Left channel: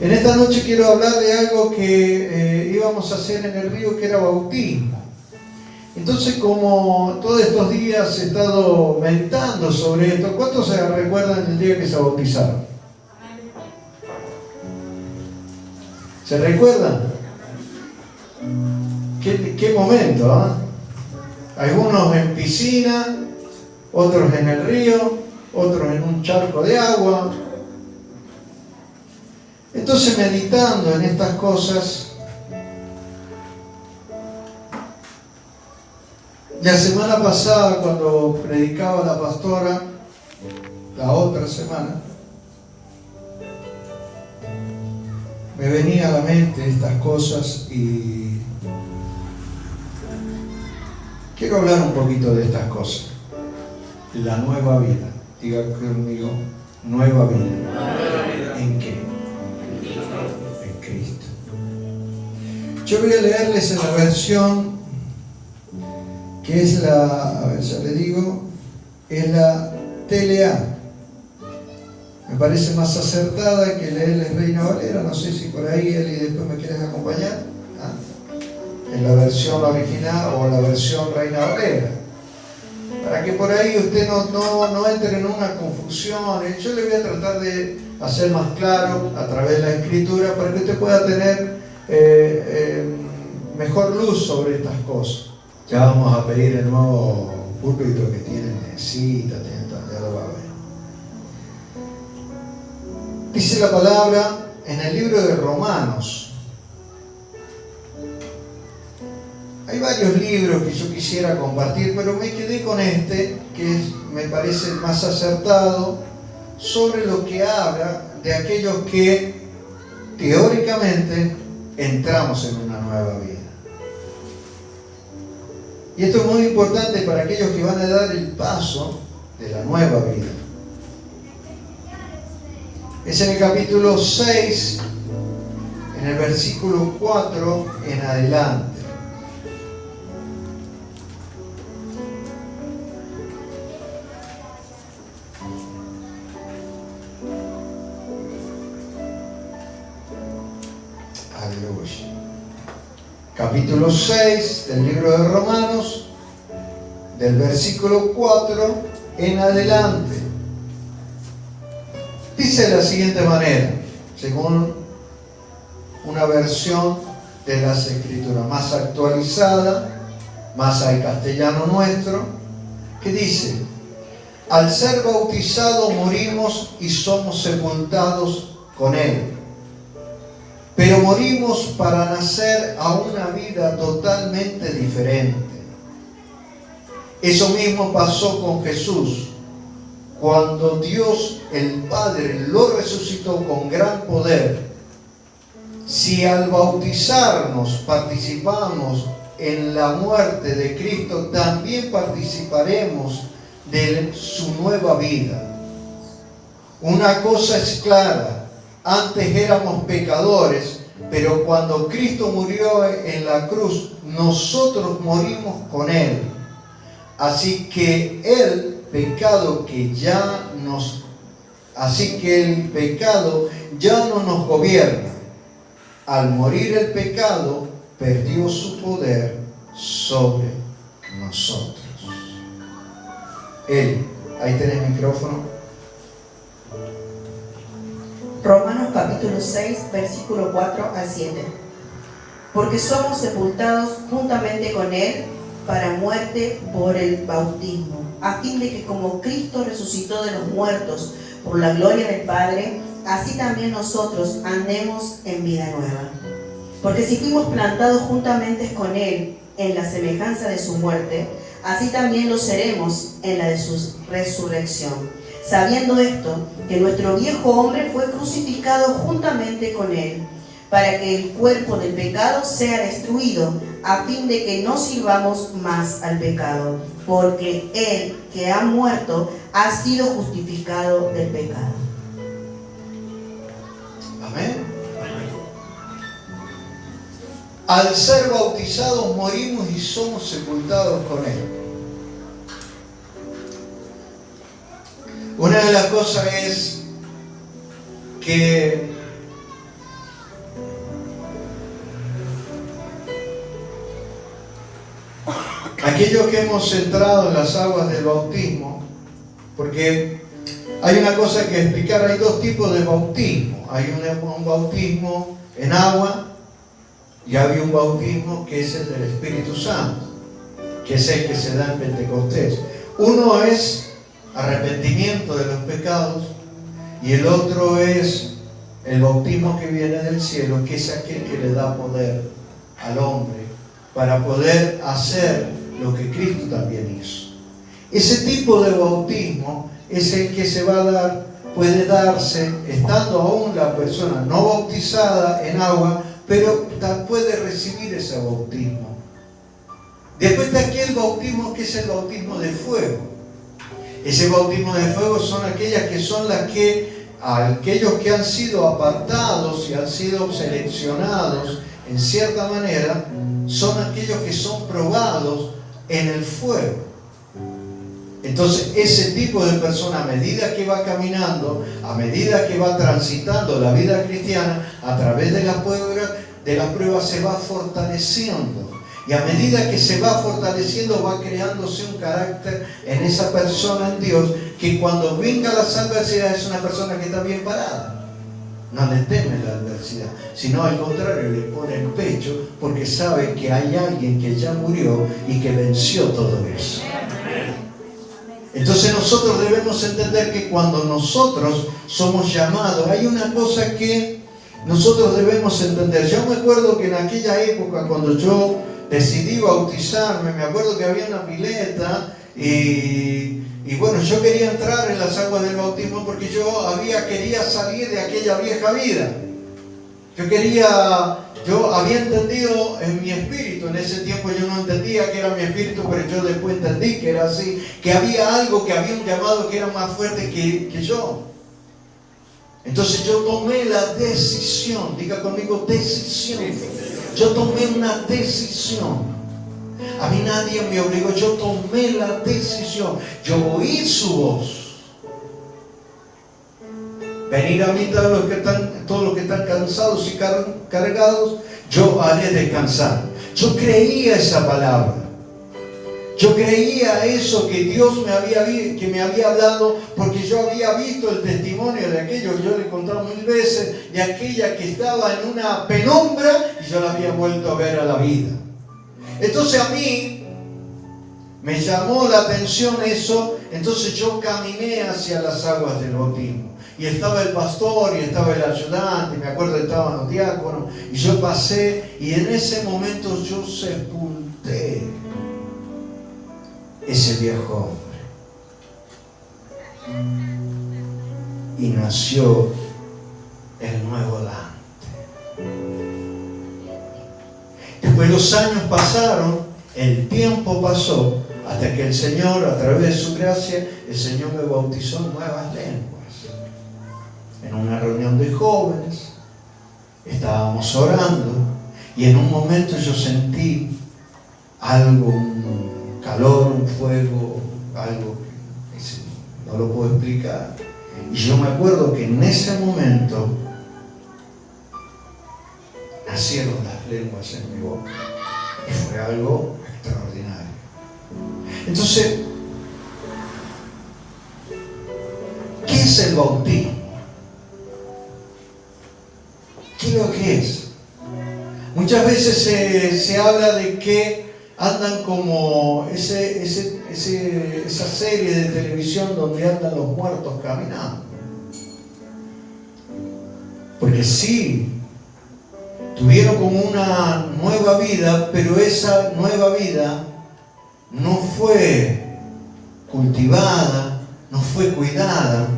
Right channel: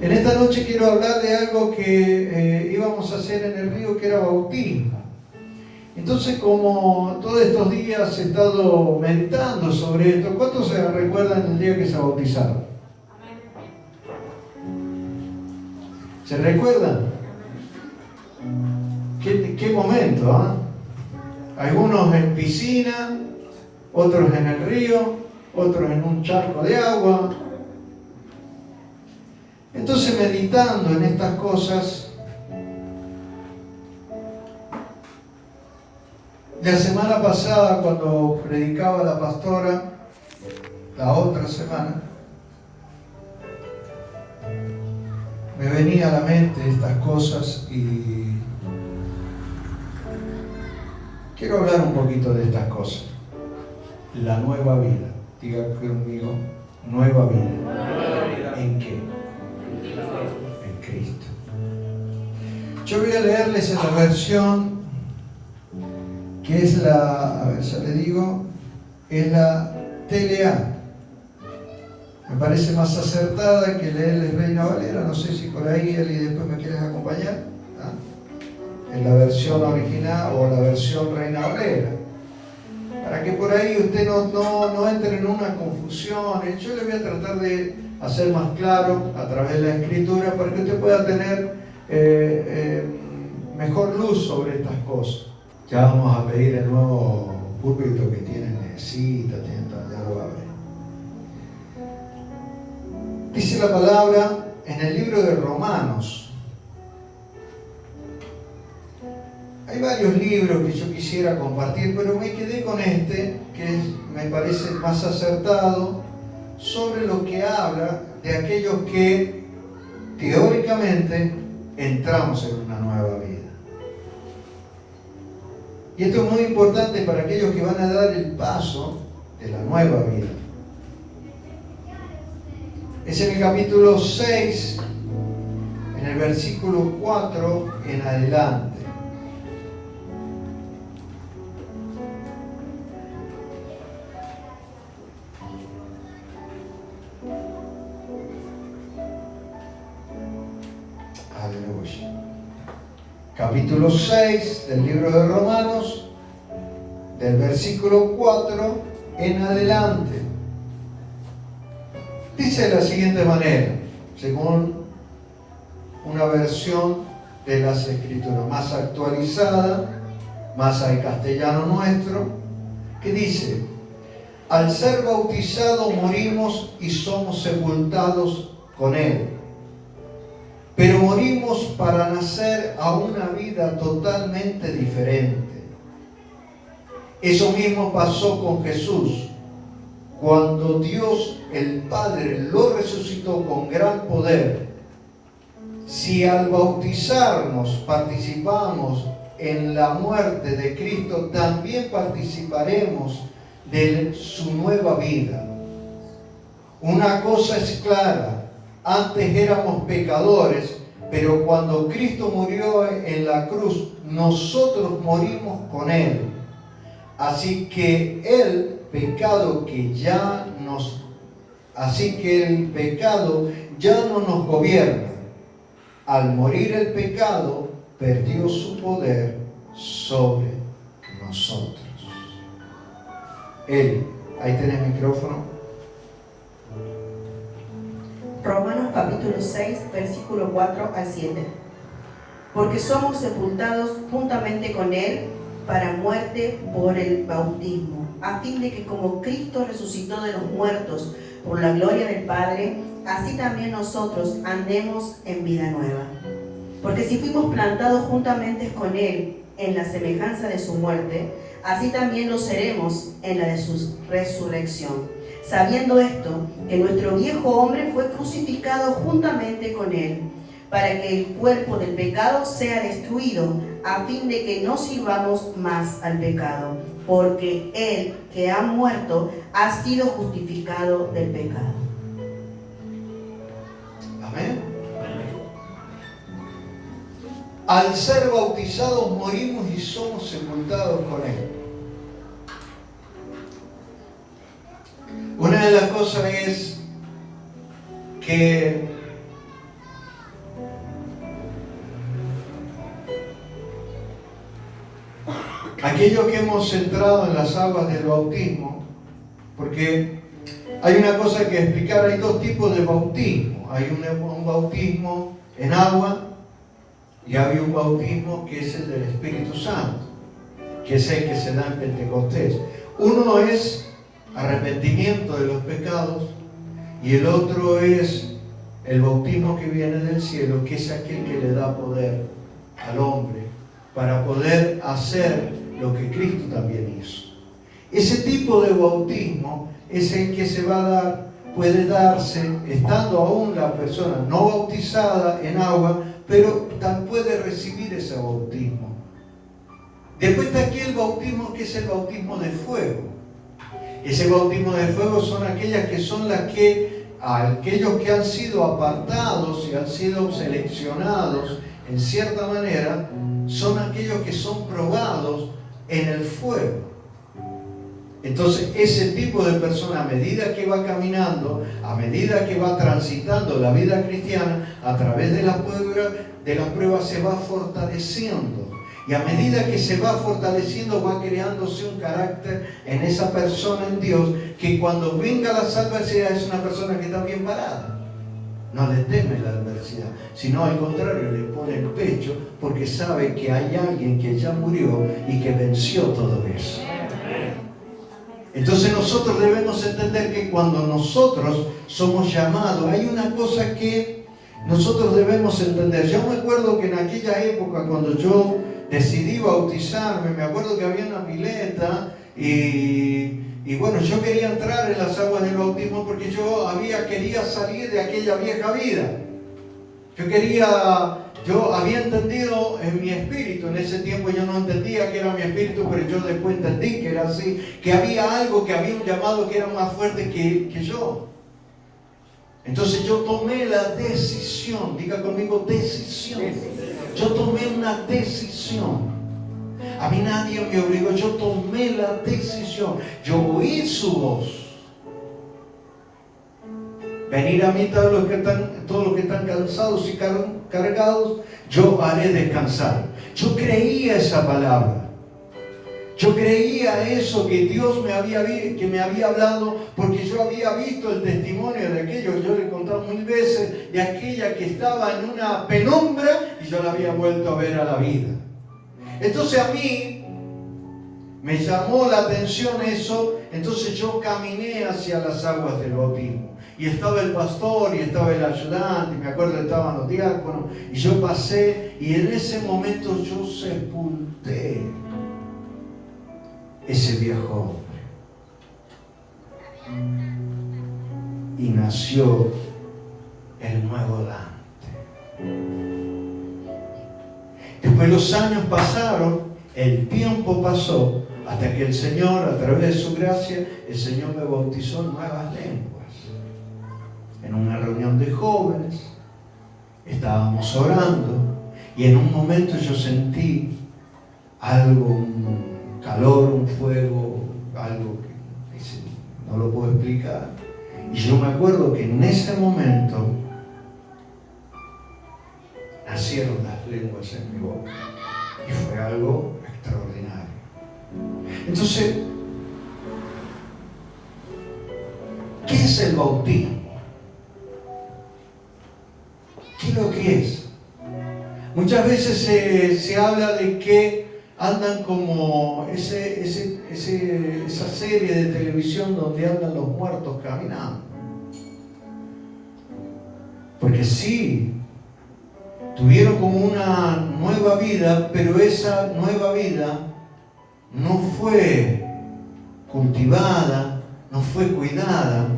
En esta noche quiero hablar de algo que íbamos a hacer en el río, que era bautismo. Entonces, como todos estos días he estado meditando sobre esto, ¿cuántos se recuerdan el día que se bautizaron? ¿Se recuerdan? ¿Qué momento? Algunos en piscina, otros en el río, otros en un charco de agua. Entonces, meditando en estas cosas, la semana pasada, cuando predicaba la pastora, la otra semana, me venía a la mente estas cosas y quiero hablar un poquito de estas cosas. La nueva vida. Diga conmigo, nueva vida. ¿En qué? En Cristo. Yo voy a leerles en la versión que es la, a ver, ya le digo, es la TLA. Me parece más acertada que leerles Reina Valera. No sé si por ahí, Eli, después me quieres acompañar. En la versión original o la versión Reina Valera. Para que por ahí usted no entre en una confusión. Yo le voy a tratar de hacer más claro a través de la Escritura para que usted pueda tener mejor luz sobre estas cosas. Ya vamos a pedir el nuevo púlpito que tienen mesita, ya lo va a ver. Dice la palabra en el libro de Romanos. Hay varios libros que yo quisiera compartir, pero me quedé con este, que me parece más acertado, sobre lo que habla de aquellos que teóricamente entramos en una nueva vida. Y esto es muy importante para aquellos que van a dar el paso de la nueva vida. Es en el capítulo 6, en el versículo 4 en adelante. Aleluya. Capítulo 6 del libro de Romanos, del versículo 4 en adelante. Dice de la siguiente manera, según una versión de las Escrituras más actualizada, más al castellano nuestro, que dice: al ser bautizados morimos y somos sepultados con Él. Pero morimos para nacer a una vida totalmente diferente. Eso mismo pasó con Jesús. Cuando Dios el Padre lo resucitó con gran poder, si al bautizarnos participamos en la muerte de Cristo, también participaremos de su nueva vida. Una cosa es clara: antes éramos pecadores, pero cuando Cristo murió en la cruz, nosotros morimos con Él. Así que el pecado ya no nos gobierna. Al morir el pecado, perdió su poder sobre nosotros. Eli, ahí tenés el micrófono. Romanos capítulo 6, versículo 4 al 7. Porque somos sepultados juntamente con Él para muerte por el bautismo, a fin de que como Cristo resucitó de los muertos por la gloria del Padre, así también nosotros andemos en vida nueva. Porque si fuimos plantados juntamente con Él en la semejanza de su muerte, así también lo seremos en la de su resurrección. Sabiendo esto, que nuestro viejo hombre fue crucificado juntamente con Él, para que el cuerpo del pecado sea destruido, a fin de que no sirvamos más al pecado, porque Él que ha muerto ha sido justificado del pecado. Amén. Al ser bautizados morimos y somos sepultados con Él. Una de las cosas es que aquellos que hemos entrado en las aguas del bautismo, porque hay una cosa que explicar, hay dos tipos de bautismo. Hay un bautismo en agua y hay un bautismo que es el del Espíritu Santo, que es el que se da en Pentecostés. Uno es arrepentimiento de los pecados y el otro es el bautismo que viene del cielo, que es aquel que le da poder al hombre para poder hacer lo que Cristo también hizo. Ese tipo de bautismo es el que se va a dar, puede darse estando aún la persona no bautizada en agua, pero puede recibir ese bautismo. Después de aquel bautismo que es el bautismo de fuego. Ese bautismo de fuego son aquellas que son las que aquellos que han sido apartados y han sido seleccionados en cierta manera, son aquellos que son probados en el fuego. Entonces ese tipo de persona, a medida que va caminando, a medida que va transitando la vida cristiana, a través de las pruebas se va fortaleciendo. Y a medida que se va fortaleciendo, va creándose un carácter en esa persona, en Dios, que cuando venga las adversidades es una persona que está bien parada. No le teme la adversidad, sino al contrario, le pone el pecho porque sabe que hay alguien que ya murió y que venció todo eso. Entonces nosotros debemos entender que cuando nosotros somos llamados, hay una cosa que nosotros debemos entender. Yo me acuerdo que en aquella época, cuando yo decidí bautizarme, me acuerdo que había una pileta y bueno, yo quería entrar en las aguas del bautismo porque yo quería salir de aquella vieja vida. Yo había entendido en mi espíritu, en ese tiempo yo no entendía que era mi espíritu, pero yo después entendí que era así, que había algo, que había un llamado que era más fuerte que yo. Entonces yo tomé la decisión, diga conmigo decisión. Yo tomé una decisión. A mí nadie me obligó, yo tomé la decisión. Yo oí su voz. Venir a mí todos los que están cansados y cargados, yo haré descansar. Yo creía esa palabra. Yo creía eso que Dios me había hablado, porque yo había visto el testimonio de aquello que yo le he contado 1000 veces, de aquella que estaba en una penumbra y yo la había vuelto a ver a la vida. Entonces a mí me llamó la atención eso, entonces yo caminé hacia las aguas del bautismo. Y estaba el pastor y estaba el ayudante, y me acuerdo que estaban los diáconos, y yo pasé y en ese momento yo sepulté ese viejo hombre y nació el nuevo Dante. Después los años pasaron, el tiempo pasó, hasta que el Señor, a través de su gracia, el Señor me bautizó en nuevas lenguas. En una reunión de jóvenes, estábamos orando y en un momento yo sentí algo, un calor, un fuego, algo que no lo puedo explicar. Y yo me acuerdo que en ese momento nacieron las lenguas en mi boca y fue algo extraordinario. Entonces, ¿qué es el bautismo? ¿Qué es lo que es? Muchas veces se habla de que andan como esa serie de televisión donde andan los muertos caminando. Porque sí, tuvieron como una nueva vida, pero esa nueva vida no fue cultivada, no fue cuidada.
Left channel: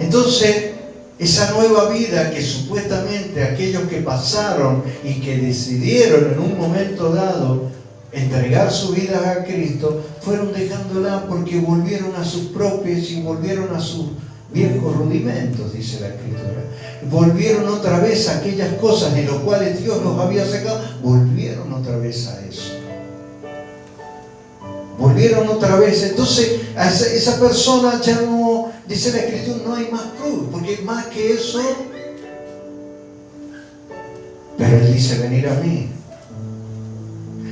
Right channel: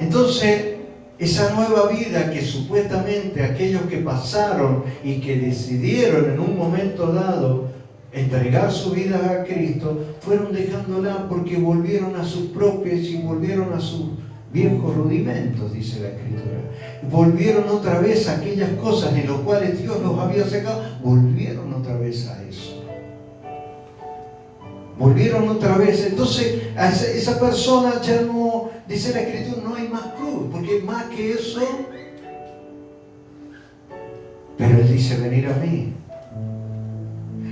Entonces, esa nueva vida que supuestamente aquellos que pasaron y que decidieron en un momento dado entregar su vida a Cristo, fueron dejándola porque volvieron a sus propios y volvieron a sus viejos rudimentos, dice la Escritura. Volvieron otra vez a aquellas cosas en las cuales Dios los había sacado, volvieron otra vez a eso. Volvieron otra vez. Entonces, a esa persona ya no, dice la Escritura, no hay más cruz, porque más que eso. Pero Él dice, venir a mí.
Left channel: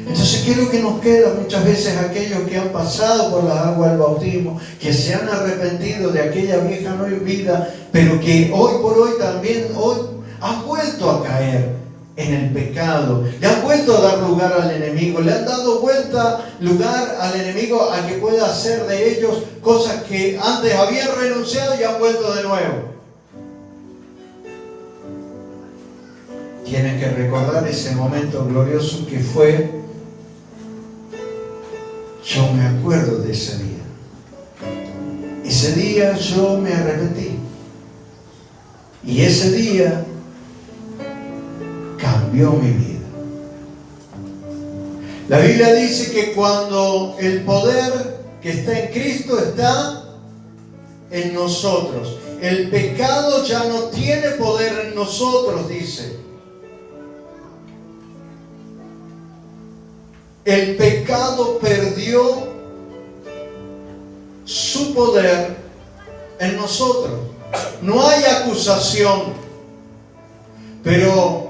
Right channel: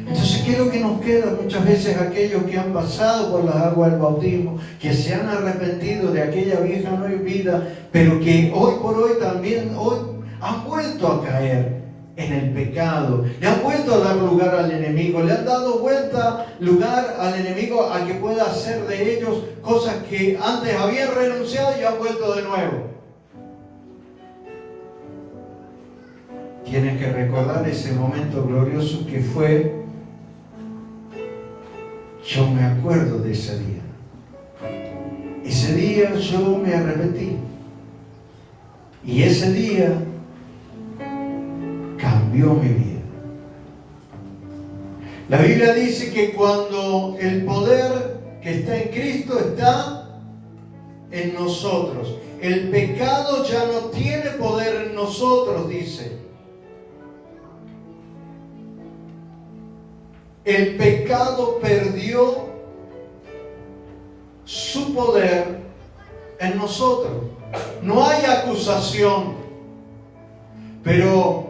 Entonces, ¿qué es lo que nos queda? Muchas veces aquellos que han pasado por las aguas del bautismo, que se han arrepentido de aquella vieja vida, pero que hoy por hoy también han vuelto a caer en el pecado, le han vuelto a dar lugar al enemigo, le han dado lugar al enemigo a que pueda hacer de ellos cosas que antes habían renunciado y han vuelto de nuevo. Tienes que recordar ese momento glorioso que fue. Yo me acuerdo de ese día. Ese día yo me arrepentí. Y ese día cambió mi vida. La Biblia dice que cuando el poder que está en Cristo está en nosotros, el pecado ya no tiene poder en nosotros, dice. El pecado perdió su poder en nosotros. No hay acusación. Pero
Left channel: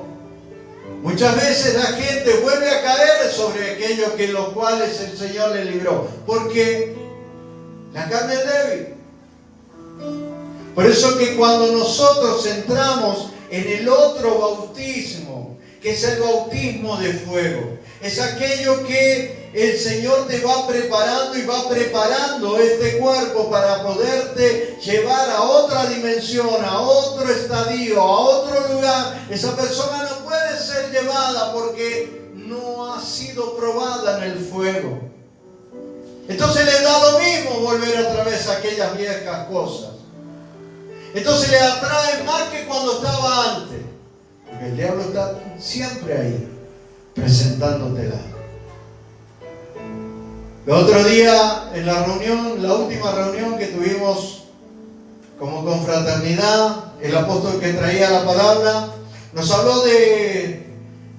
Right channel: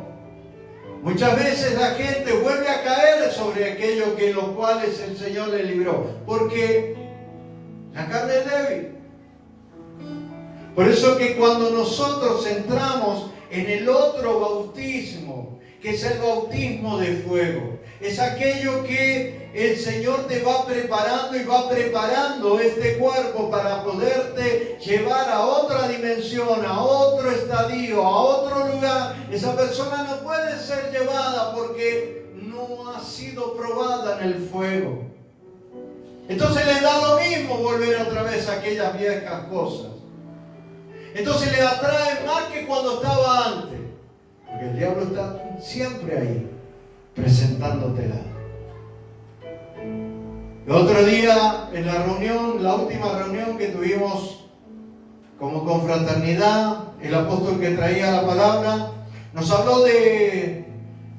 muchas veces la gente vuelve a caer sobre aquello que los cuales el Señor le libró. Porque la carne es débil. Por eso que cuando nosotros entramos en el otro bautismo, que es el bautismo de fuego, es aquello que el Señor te va preparando y va preparando este cuerpo para poderte llevar a otra dimensión, a otro estadio, a otro lugar. Esa persona no puede ser llevada porque no ha sido probada en el fuego. Entonces le da lo mismo volver otra vez a aquellas viejas cosas. Entonces le atrae más que cuando estaba antes. Porque el diablo está siempre ahí, presentándotela. El otro día, en la reunión, la última reunión que tuvimos como confraternidad, el apóstol que traía la palabra, nos habló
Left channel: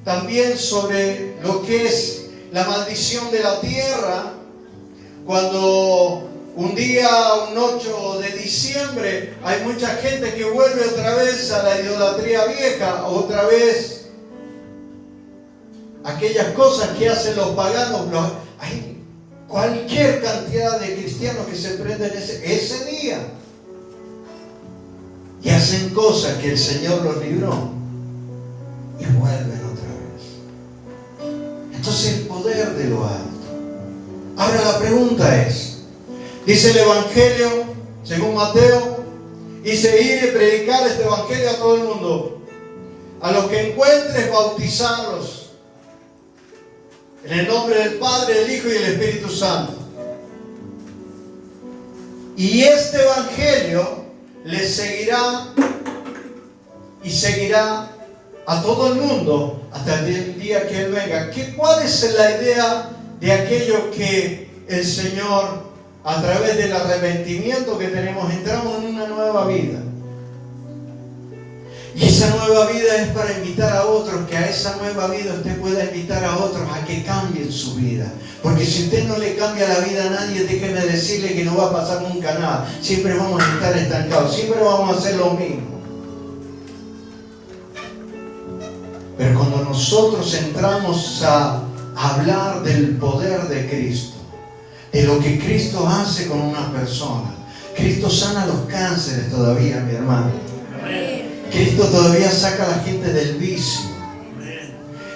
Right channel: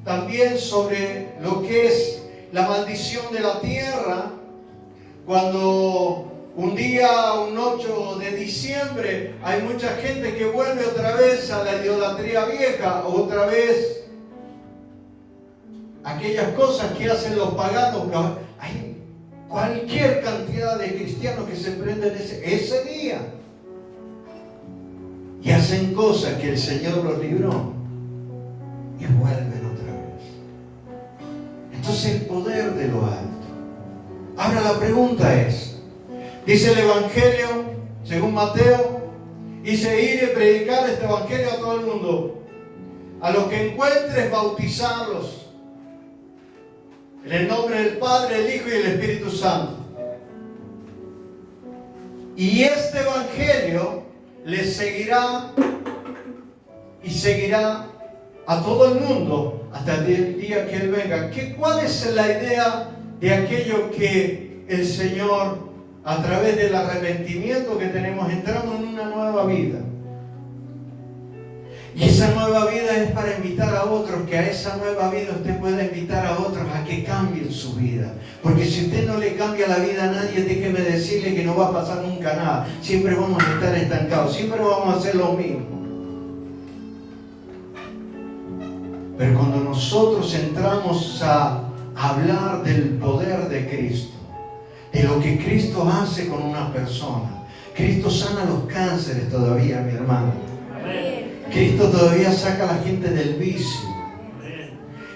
también sobre lo que es la maldición de la tierra, cuando un día, un 8 de diciembre, hay mucha gente que vuelve otra vez a la idolatría vieja, otra vez aquellas cosas que hacen los paganos. Hay cualquier cantidad de cristianos que se prenden ese día y hacen cosas que el Señor los libró y vuelven otra vez. Entonces el poder de lo alto. Ahora la pregunta es, dice el Evangelio, según Mateo, dice ir y predicar este Evangelio a todo el mundo. A los que encuentres, bautizarlos en el nombre del Padre, el Hijo y el Espíritu Santo. Y este Evangelio les seguirá y seguirá a todo el mundo hasta el día que Él venga. ¿Cuál es la idea de aquello que el Señor, a través del arrepentimiento que tenemos, entramos en una nueva vida? Y esa nueva vida es para invitar a otros, que a esa nueva vida usted pueda invitar a otros a que cambien su vida. Porque si usted no le cambia la vida a nadie, déjeme decirle que no va a pasar nunca nada. Siempre vamos a estar estancados, siempre vamos a hacer lo mismo. Pero cuando nosotros entramos a hablar del poder de Cristo, de lo que Cristo hace con una persona, Cristo sana los cánceres todavía, mi hermano. Cristo todavía saca a la gente del vicio.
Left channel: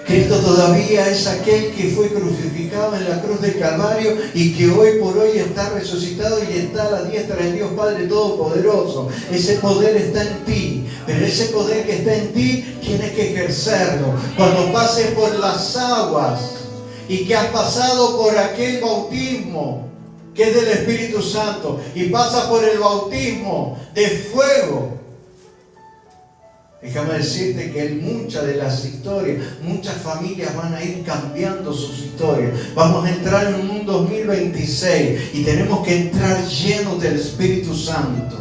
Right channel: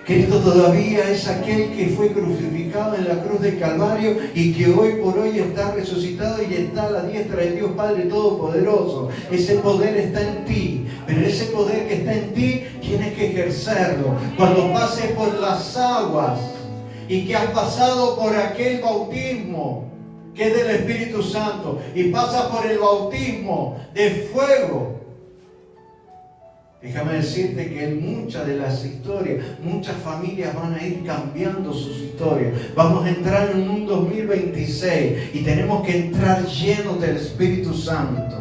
Cristo todavía es aquel que fue crucificado en la cruz del Calvario y que hoy por hoy está resucitado y está a la diestra del Dios Padre Todopoderoso. Ese poder está en ti, pero ese poder que está en ti tienes que ejercerlo. Cuando pases por las aguas y que has pasado por aquel bautismo que es del Espíritu Santo y pasas por el bautismo de fuego, déjame decirte que en muchas de las historias, muchas familias van a ir cambiando sus historias. Vamos a entrar en un 2026 y tenemos que entrar llenos del Espíritu Santo.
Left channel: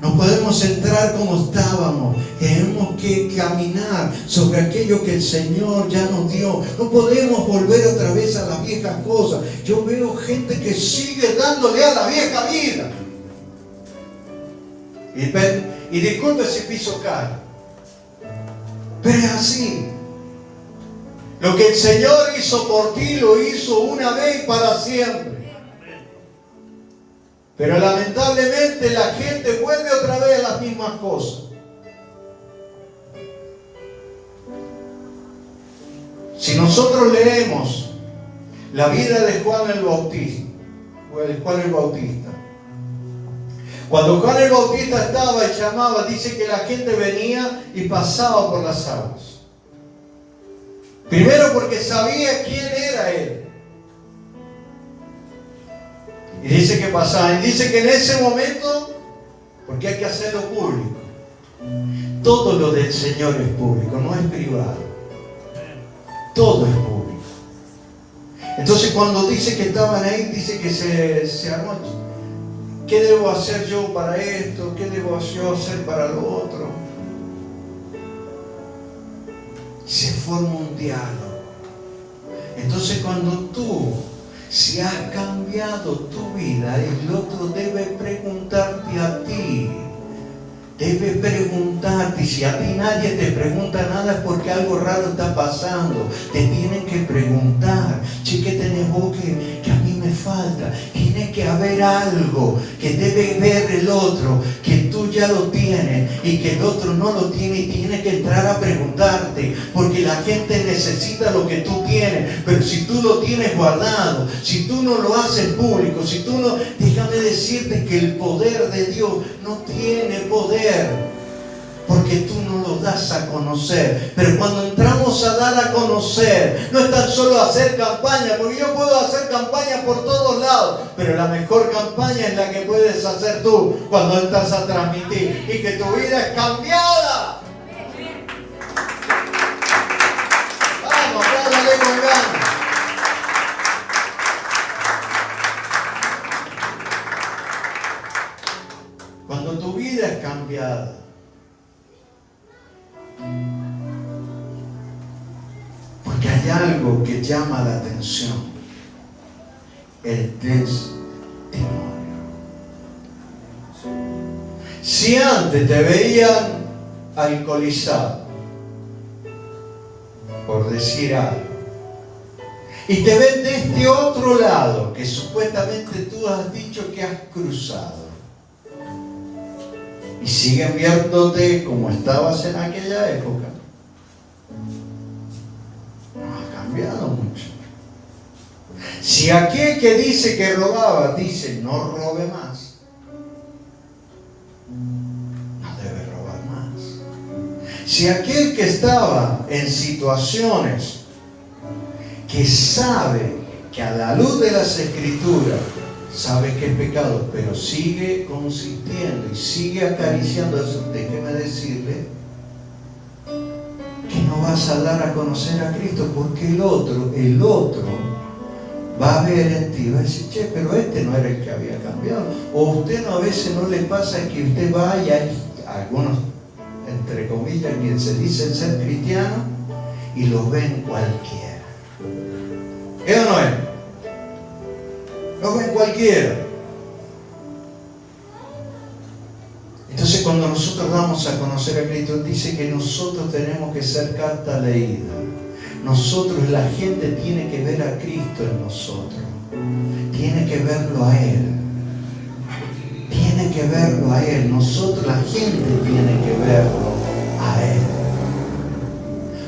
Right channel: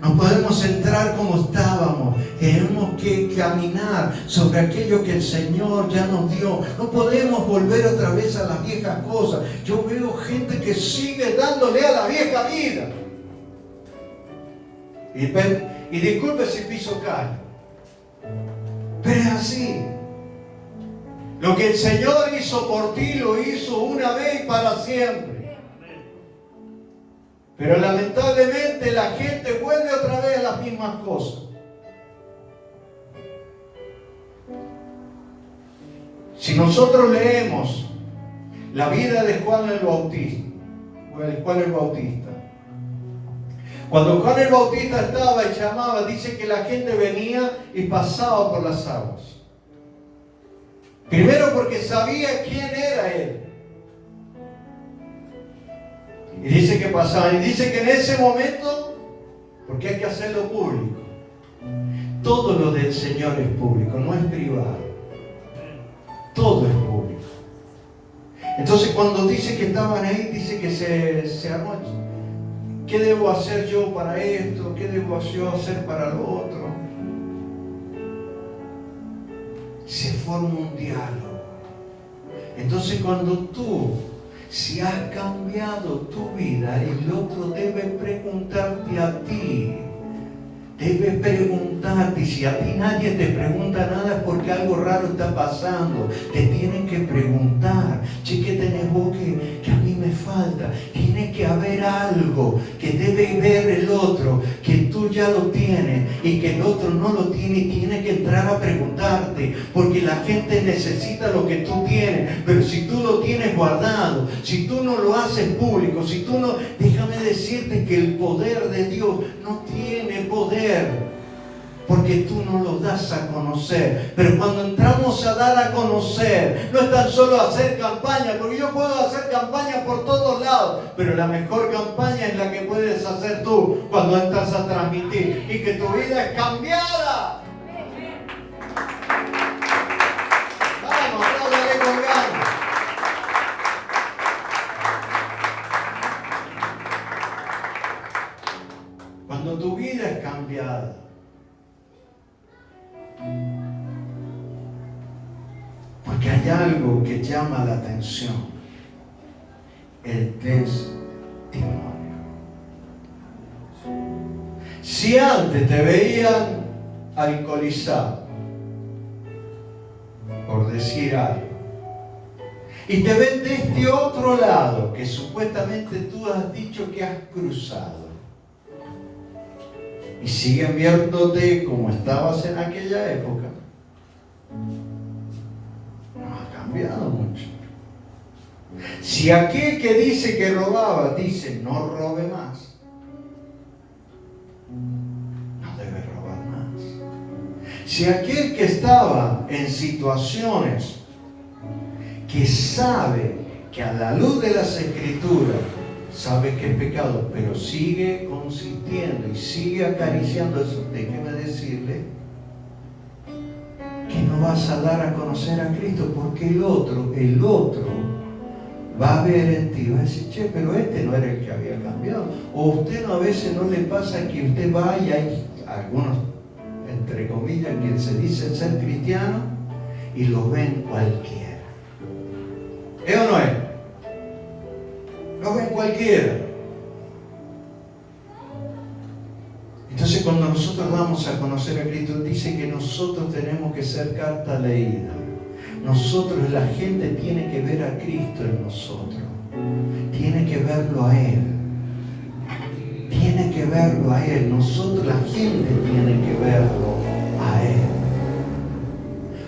No podemos entrar como estábamos. Tenemos que caminar sobre aquello que el Señor ya nos dio. No podemos volver otra vez a las viejas cosas. Yo veo gente que sigue dándole a la vieja vida. Y disculpe si piso cae, pero es así. Lo que el Señor hizo por ti, lo hizo una vez para siempre. Pero lamentablemente la gente vuelve otra vez a las mismas cosas. Si nosotros leemos la vida de Juan el Bautista, cuando Juan el Bautista estaba y llamaba, dice que la gente venía y pasaba por las aguas. Primero porque sabía quién era él. Y dice que pasaban. Y dice que en ese momento, porque hay que hacerlo público, todo lo del Señor es público, no es privado. Todo es público. Entonces cuando dice que estaban ahí, dice que se armó. ¿Qué debo hacer yo para esto? ¿Qué debo yo hacer para lo otro? Se forma un diálogo. Entonces cuando tú, si has cambiado tu vida, el otro debe preguntarte a ti. Debe preguntarte. Y si a ti nadie te pregunta nada es porque algo raro está pasando. Te tienen que preguntar. Che, ¿qué tenés vos que a mí me falta? Tiene que haber algo que debe ver el otro, que tú ya lo tienes y que el otro no lo tiene, y tiene que entrar a preguntarte, porque la gente necesita lo que tú tienes. Pero si tú lo tienes guardado, si tú no lo haces público, si tú no, déjame decirte que el poder de Dios no tiene poder, porque tú no lo das a conocer. Pero cuando entramos a dar a conocer, no es tan solo hacer campaña, porque yo puedo hacer campaña por todos lados, pero la mejor campaña es la que puedes hacer tú cuando entras a transmitir y que tu vida es cambiada. Vamos, dale con ganas. Cuando tu vida es cambiada, porque hay algo que llama la atención: el testimonio. Si antes te veían alcoholizado, por decir algo, y te ven de este otro lado que supuestamente tú has dicho que has cruzado, y siguen viéndote como estabas en aquella época, no ha cambiado mucho. Si aquel que dice que robaba dice no robe más, no debe robar más. Si aquel que estaba en situaciones que sabe que a la luz de las Escrituras sabe que es pecado, pero sigue consintiendo y sigue acariciando eso, déjeme decirle que no vas a dar a conocer a Cristo, porque el otro va a ver en ti, va a decir, che, pero este no era el que había cambiado. O usted no, a veces no le pasa que usted vaya, y algunos, entre comillas, que se dicen ser cristianos y los ven cualquiera. ¿Es o no es? Los ven cualquiera. Entonces cuando nosotros damos a conocer a Cristo, dice que nosotros tenemos que ser carta leída. Nosotros, la gente tiene que ver a Cristo en nosotros. Tiene que verlo a Él. Tiene que verlo a Él. Nosotros, la gente tiene que verlo a Él.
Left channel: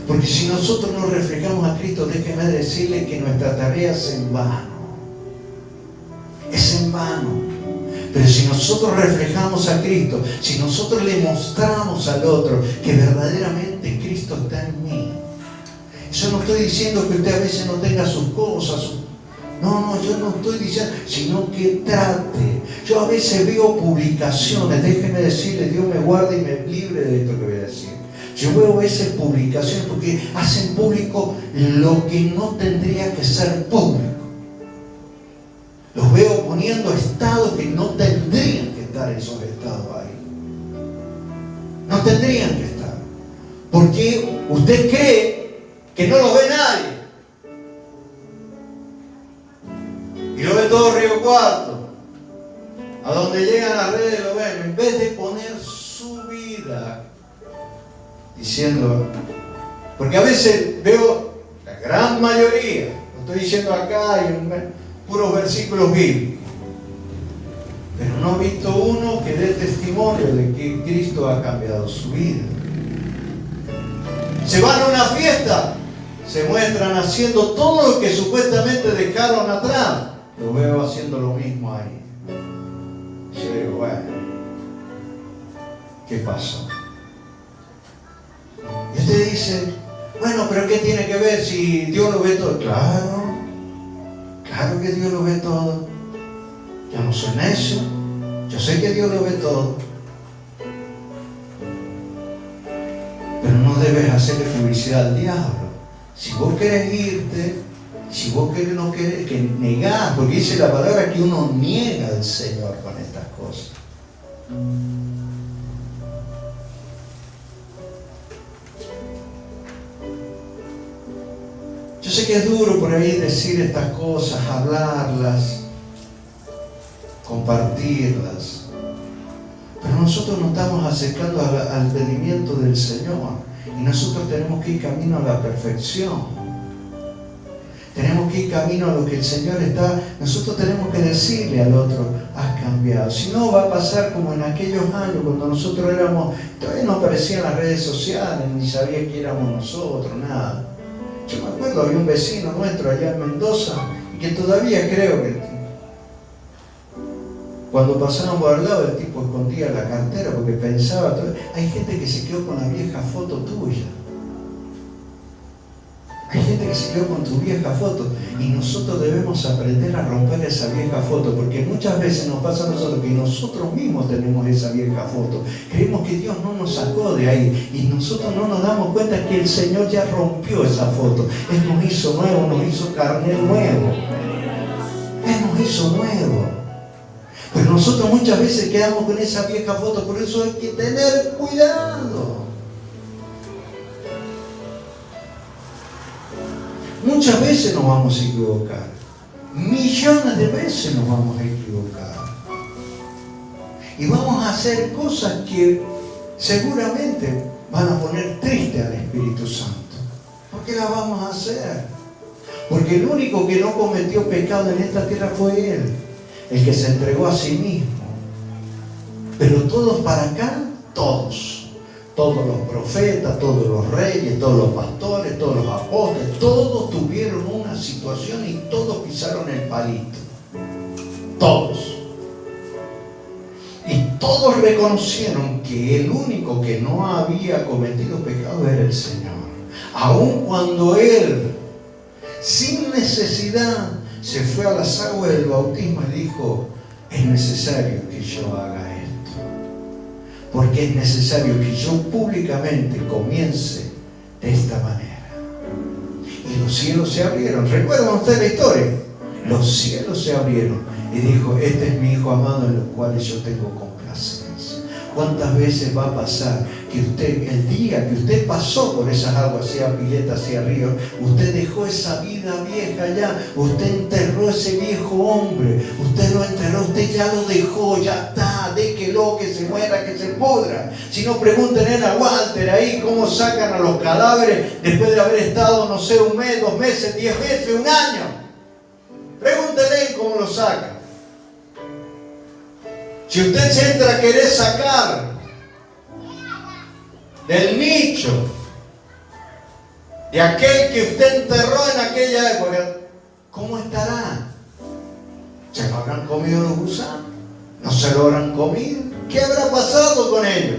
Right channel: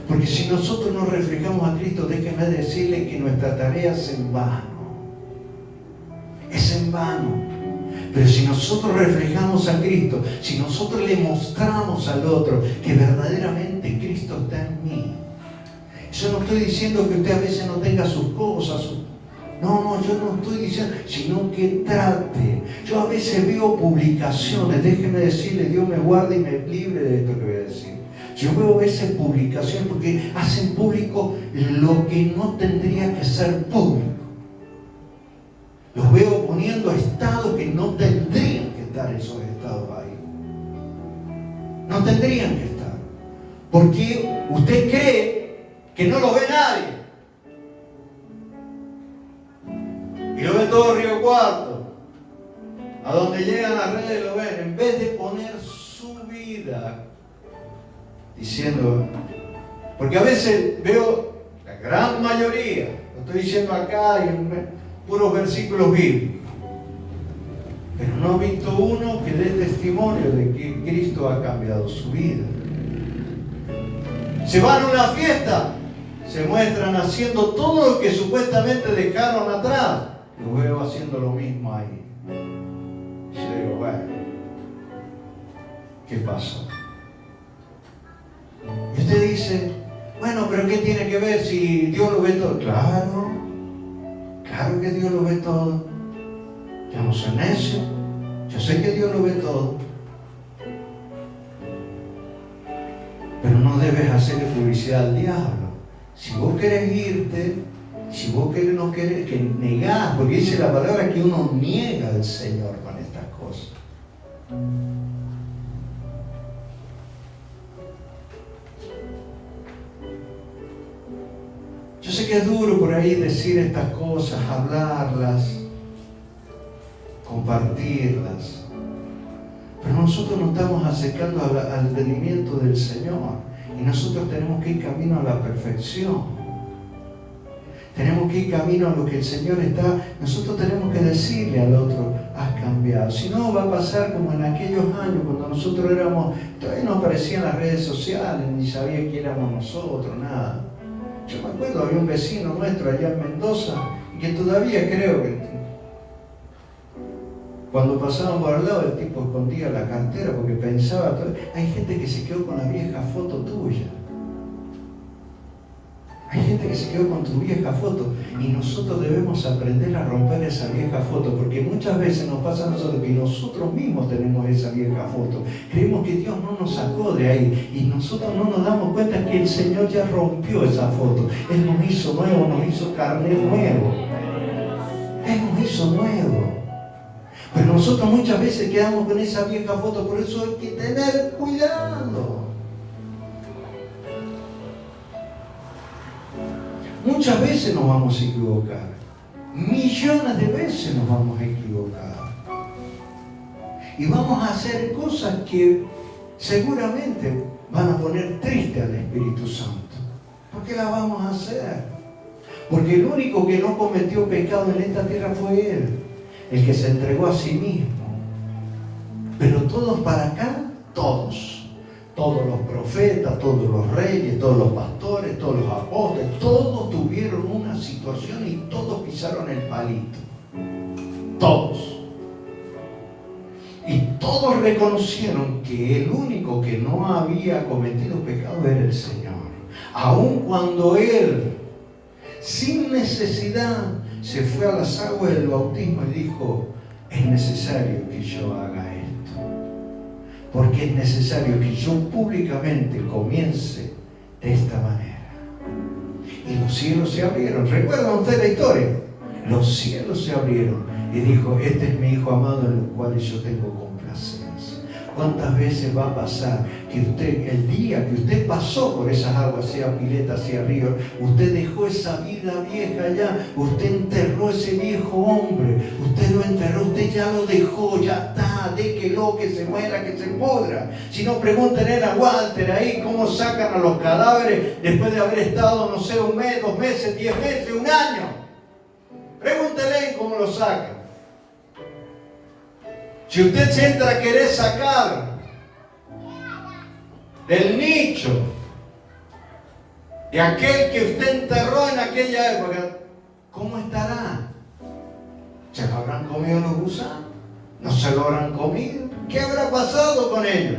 Porque si nosotros no reflejamos a Cristo, déjenme decirle que nuestra tarea es en vano. Es en vano. Pero si nosotros reflejamos a Cristo, si nosotros le mostramos al otro que verdaderamente Cristo está en mí. Yo no estoy diciendo que usted a veces no tenga sus cosas. No, yo no estoy diciendo, sino que trate. Yo a veces veo publicaciones, déjenme decirle, Dios me guarde y me libre de esto que voy a decir. Yo veo esas publicaciones porque hacen público lo que no tendría que ser público. Los veo poniendo estados que no tendrían que estar esos estados ahí. No tendrían que estar. Porque usted cree que no lo ve nadie. Y lo ve todo Río Cuarto. A donde llegan las redes lo ven. En vez de poner su vida diciendo, porque a veces veo, gran mayoría, lo estoy diciendo acá en puros versículos bíblicos, pero no he visto uno que dé testimonio de que Cristo ha cambiado su vida. Se van a una fiesta, se muestran haciendo todo lo que supuestamente dejaron atrás. Lo veo haciendo lo mismo ahí. Yo digo, bueno, ¿qué pasó? Y usted dice, bueno, pero ¿qué tiene que ver si Dios lo ve todo? Claro, claro que Dios lo ve todo. Yo no soy necio, yo sé que Dios lo ve todo. Pero no debes hacerle publicidad al diablo. Si vos querés irte, si vos no querés, que negás, porque dice la palabra que uno niega al Señor con estas cosas. Yo sé que es duro por ahí decir estas cosas, hablarlas, compartirlas, pero nosotros nos estamos acercando al entendimiento del Señor y nosotros tenemos que ir camino a la perfección. Tenemos que ir camino a lo que el Señor está. Nosotros tenemos que decirle al otro, has cambiado. Si no, va a pasar como en aquellos años cuando nosotros todavía no aparecían las redes sociales, ni sabía que éramos nosotros, nada. Yo me acuerdo, había un vecino nuestro allá en Mendoza, y que todavía creo que cuando pasaban por al lado el tipo escondía la cartera porque pensaba, hay gente que se quedó con la vieja foto tuya. Hay gente que se quedó con tu vieja foto y nosotros debemos aprender a romper esa vieja foto, porque muchas veces nos pasa a nosotros que nosotros mismos tenemos esa vieja foto. Creemos que Dios no nos sacó de ahí y nosotros no nos damos cuenta que el Señor ya rompió esa foto. Él nos hizo nuevo, nos hizo carnet nuevo. Él nos hizo nuevo. Pero nosotros muchas veces quedamos con esa vieja foto, por eso hay que tener cuidado. Muchas veces nos vamos a equivocar. Millones de veces nos vamos a equivocar. Y vamos a hacer cosas que seguramente van a poner triste al Espíritu Santo. ¿Por qué las vamos a hacer? Porque el único que no cometió pecado en esta tierra fue Él, el que se entregó a sí mismo. Pero todos para acá, todos los profetas, todos los reyes, todos los pastores, todos los apóstoles, todos tuvieron una situación y todos pisaron el palito. Todos. Y todos reconocieron que el único que no había cometido pecado era el Señor. Aun cuando Él, sin necesidad, se fue a las aguas del bautismo y dijo, es necesario que yo haga esto. Porque es necesario que yo públicamente comience de esta manera. Y los cielos se abrieron. ¿Recuerdan ustedes la historia? Los cielos se abrieron y dijo, este es mi Hijo amado en los cuales yo tengo complacencia. ¿Cuántas veces va a pasar que usted, el día que usted pasó por esas aguas, sea piletas, sea ríos, usted dejó esa vida vieja ya, usted enterró ese viejo hombre, usted lo enterró, usted ya lo dejó, ya está, déjelo que se muera, que se pudra? Si no, pregúntenle a Walter ahí cómo sacan a los cadáveres después de haber estado, no sé, 1 mes, 2 meses, 10 meses, 1 año. Pregúntenle cómo lo sacan. Si usted se entra a querer sacar del nicho de aquel que usted enterró en aquella época, ¿cómo estará? ¿Se lo habrán comido los gusanos? ¿No se lo habrán comido? ¿Qué habrá pasado con ellos?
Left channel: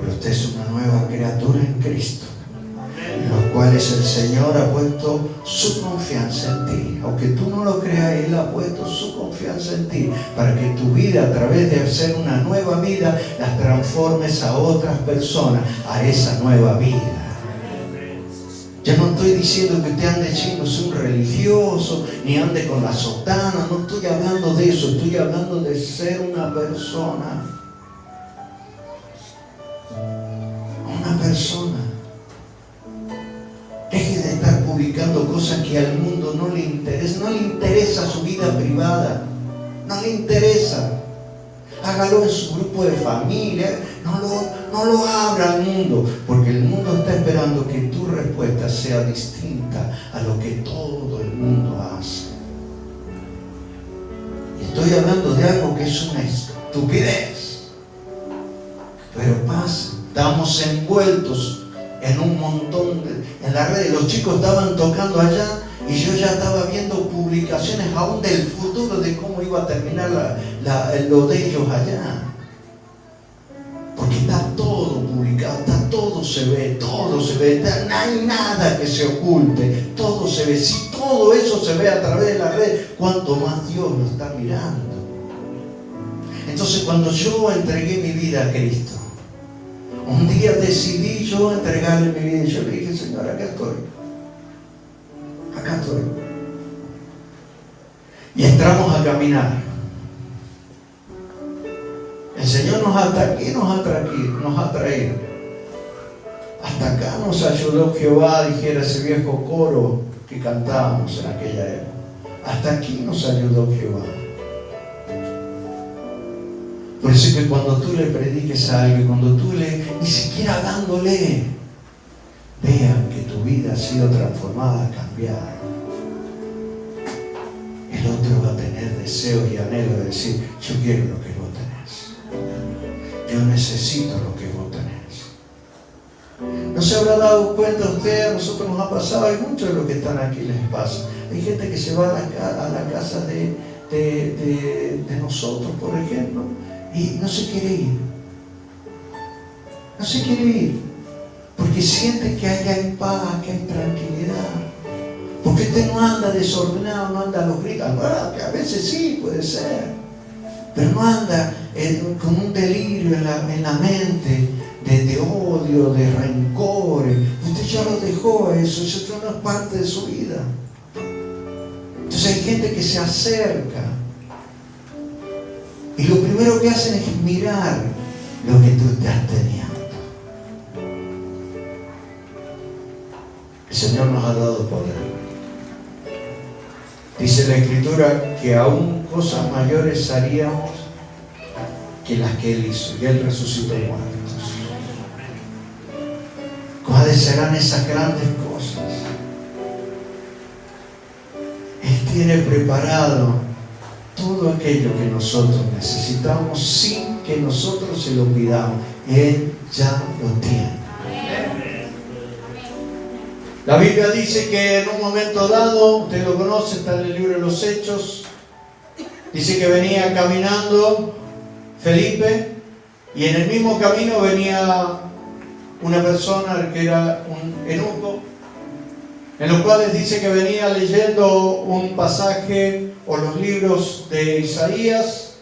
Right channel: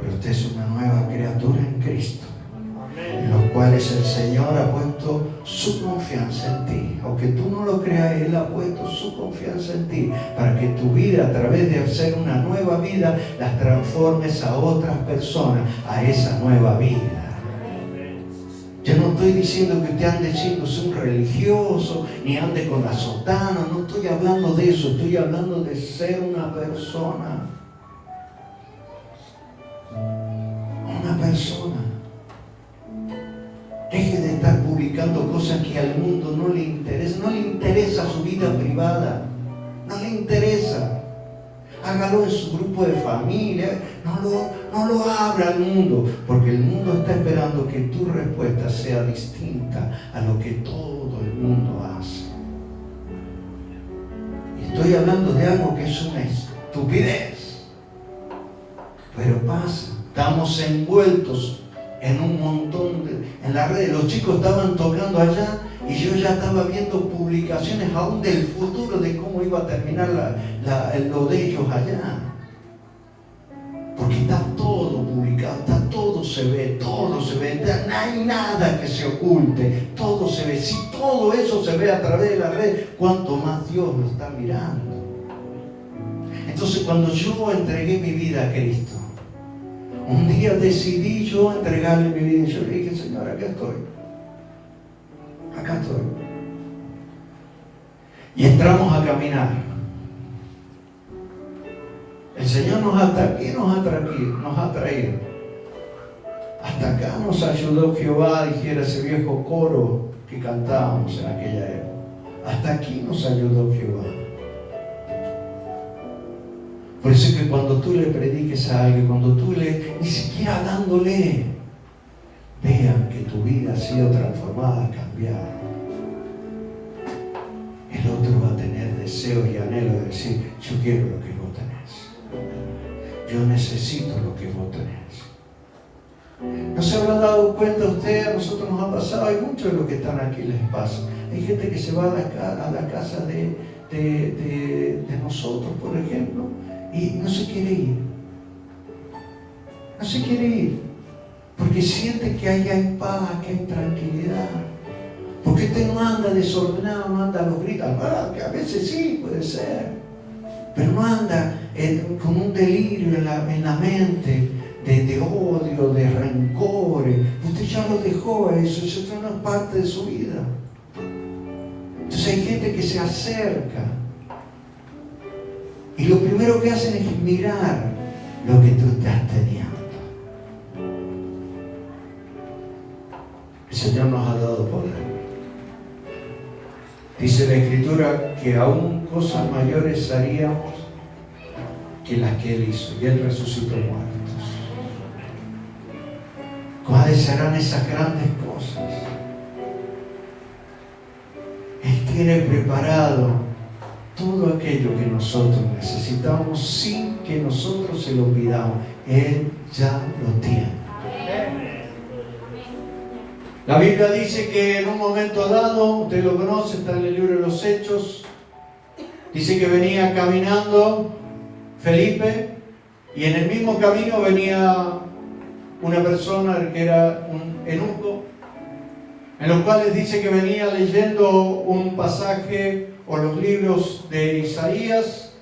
Pero usted es una nueva criatura en Cristo, en los cuales el Señor ha puesto su confianza en ti. Aunque tú no lo creas, Él ha puesto su confianza en ti para que tu vida, a través de hacer una nueva vida, las transformes a otras personas a esa nueva vida. Yo no estoy diciendo que usted ande siendo un religioso, ni ande con la sotana, no estoy hablando de eso, estoy hablando de ser una persona. Una persona. Deje de estar publicando cosas que al mundo no le interesa. No le interesa su vida privada. No le interesa. Hágalo en su grupo de familia. No lo abra al mundo. Porque el mundo está esperando que que tu respuesta sea distinta a lo que todo el mundo hace. Y estoy hablando de algo que es una estupidez, pero pasa. Estamos envueltos en un montón en las redes. Los chicos estaban tocando allá y yo ya estaba viendo publicaciones aún del futuro de cómo iba a terminar lo de ellos allá. Porque está todo publicado, todo se ve, no hay nada que se oculte, todo se ve. Si todo eso se ve a través de la red, ¿cuánto más Dios lo está mirando? Entonces, cuando yo entregué mi vida a Cristo, un día decidí yo entregarle mi vida y yo le dije: Señor, acá estoy. Y entramos a caminar. El Señor nos ha traído. Hasta acá nos ayudó Jehová, dijera ese viejo coro que cantábamos en aquella época. Hasta aquí nos ayudó Jehová. Por eso es que cuando tú le prediques a alguien, cuando tú ni siquiera dándole, vean que tu vida ha sido transformada, cambiada, el otro va a tener deseos y anhelos de decir: yo quiero lo que vos tenés, yo necesito lo que vos tenés. ¿No se habrá dado cuenta usted? A nosotros nos ha pasado, hay muchos de los que están aquí les pasa. Hay gente que se va a la casa de nosotros, por ejemplo, y no se quiere ir. No se quiere ir. Porque siente que ahí hay paz, que hay tranquilidad. Porque usted no anda desordenado, no anda a los gritos. Que a veces sí, puede ser. Pero no anda con un delirio en la mente de odio, de rencores. Usted ya lo dejó eso no es parte de su vida. Entonces hay gente que se acerca y lo primero que hacen es mirar lo que tú estás teniendo. El Señor nos ha dado poder. Dice la Escritura que aún cosas mayores haríamos que las que Él hizo, y Él resucitó muertos. ¿Cuáles serán esas grandes cosas? Él tiene preparado todo aquello que nosotros necesitamos sin que nosotros se lo pidamos. Él ya lo tiene. La Biblia dice que en un momento dado, usted lo conoce, está en el libro de los Hechos, dice que venía caminando Felipe y en el mismo camino venía una persona que era un eunuco, en los cuales dice que venía leyendo un pasaje o los libros de Isaías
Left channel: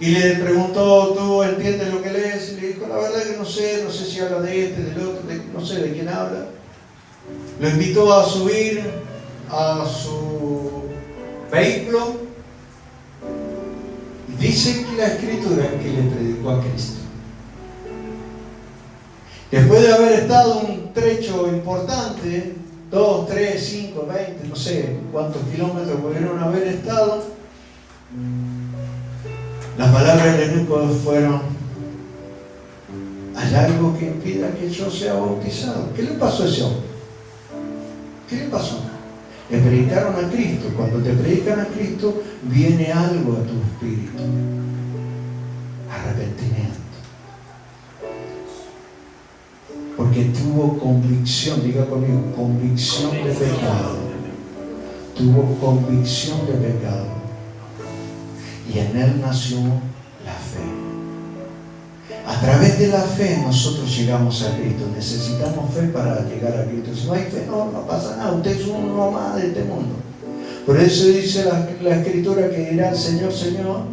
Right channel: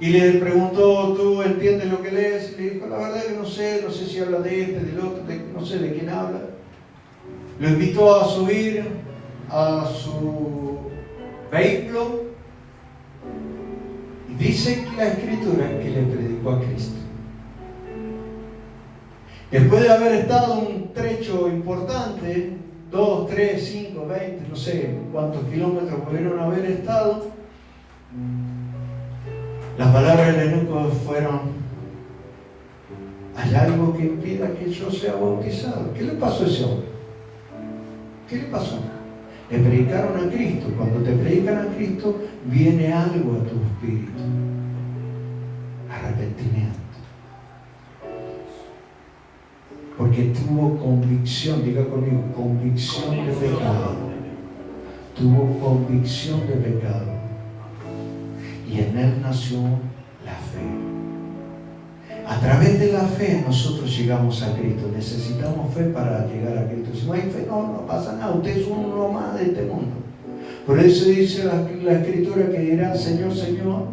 y le preguntó: ¿tú entiendes lo que lees? Y le dijo: la verdad que no sé si habla de este, del otro, no sé de quién habla. Lo invitó a subir a su vehículo y dice que la Escritura que le predicó a Cristo. Después de haber estado un trecho importante, 2, 3, 5, 20, no sé cuántos kilómetros pudieron haber estado, las palabras del eunuco fueron: ¿hay algo que impida que yo sea bautizado? ¿Qué le pasó a ese hombre? ¿Qué le pasó? Le predicaron a Cristo. Cuando te predican a Cristo, viene algo a tu espíritu: arrepentimiento. Porque tuvo convicción, diga conmigo, convicción de pecado. Tuvo convicción de pecado. Y en él nació la fe. A través de la fe nosotros llegamos a Cristo. Necesitamos fe para llegar a Cristo. Si no hay fe, no pasa nada. Usted es uno más de este mundo. Por eso dice la Escritura que dirán: Señor, Señor.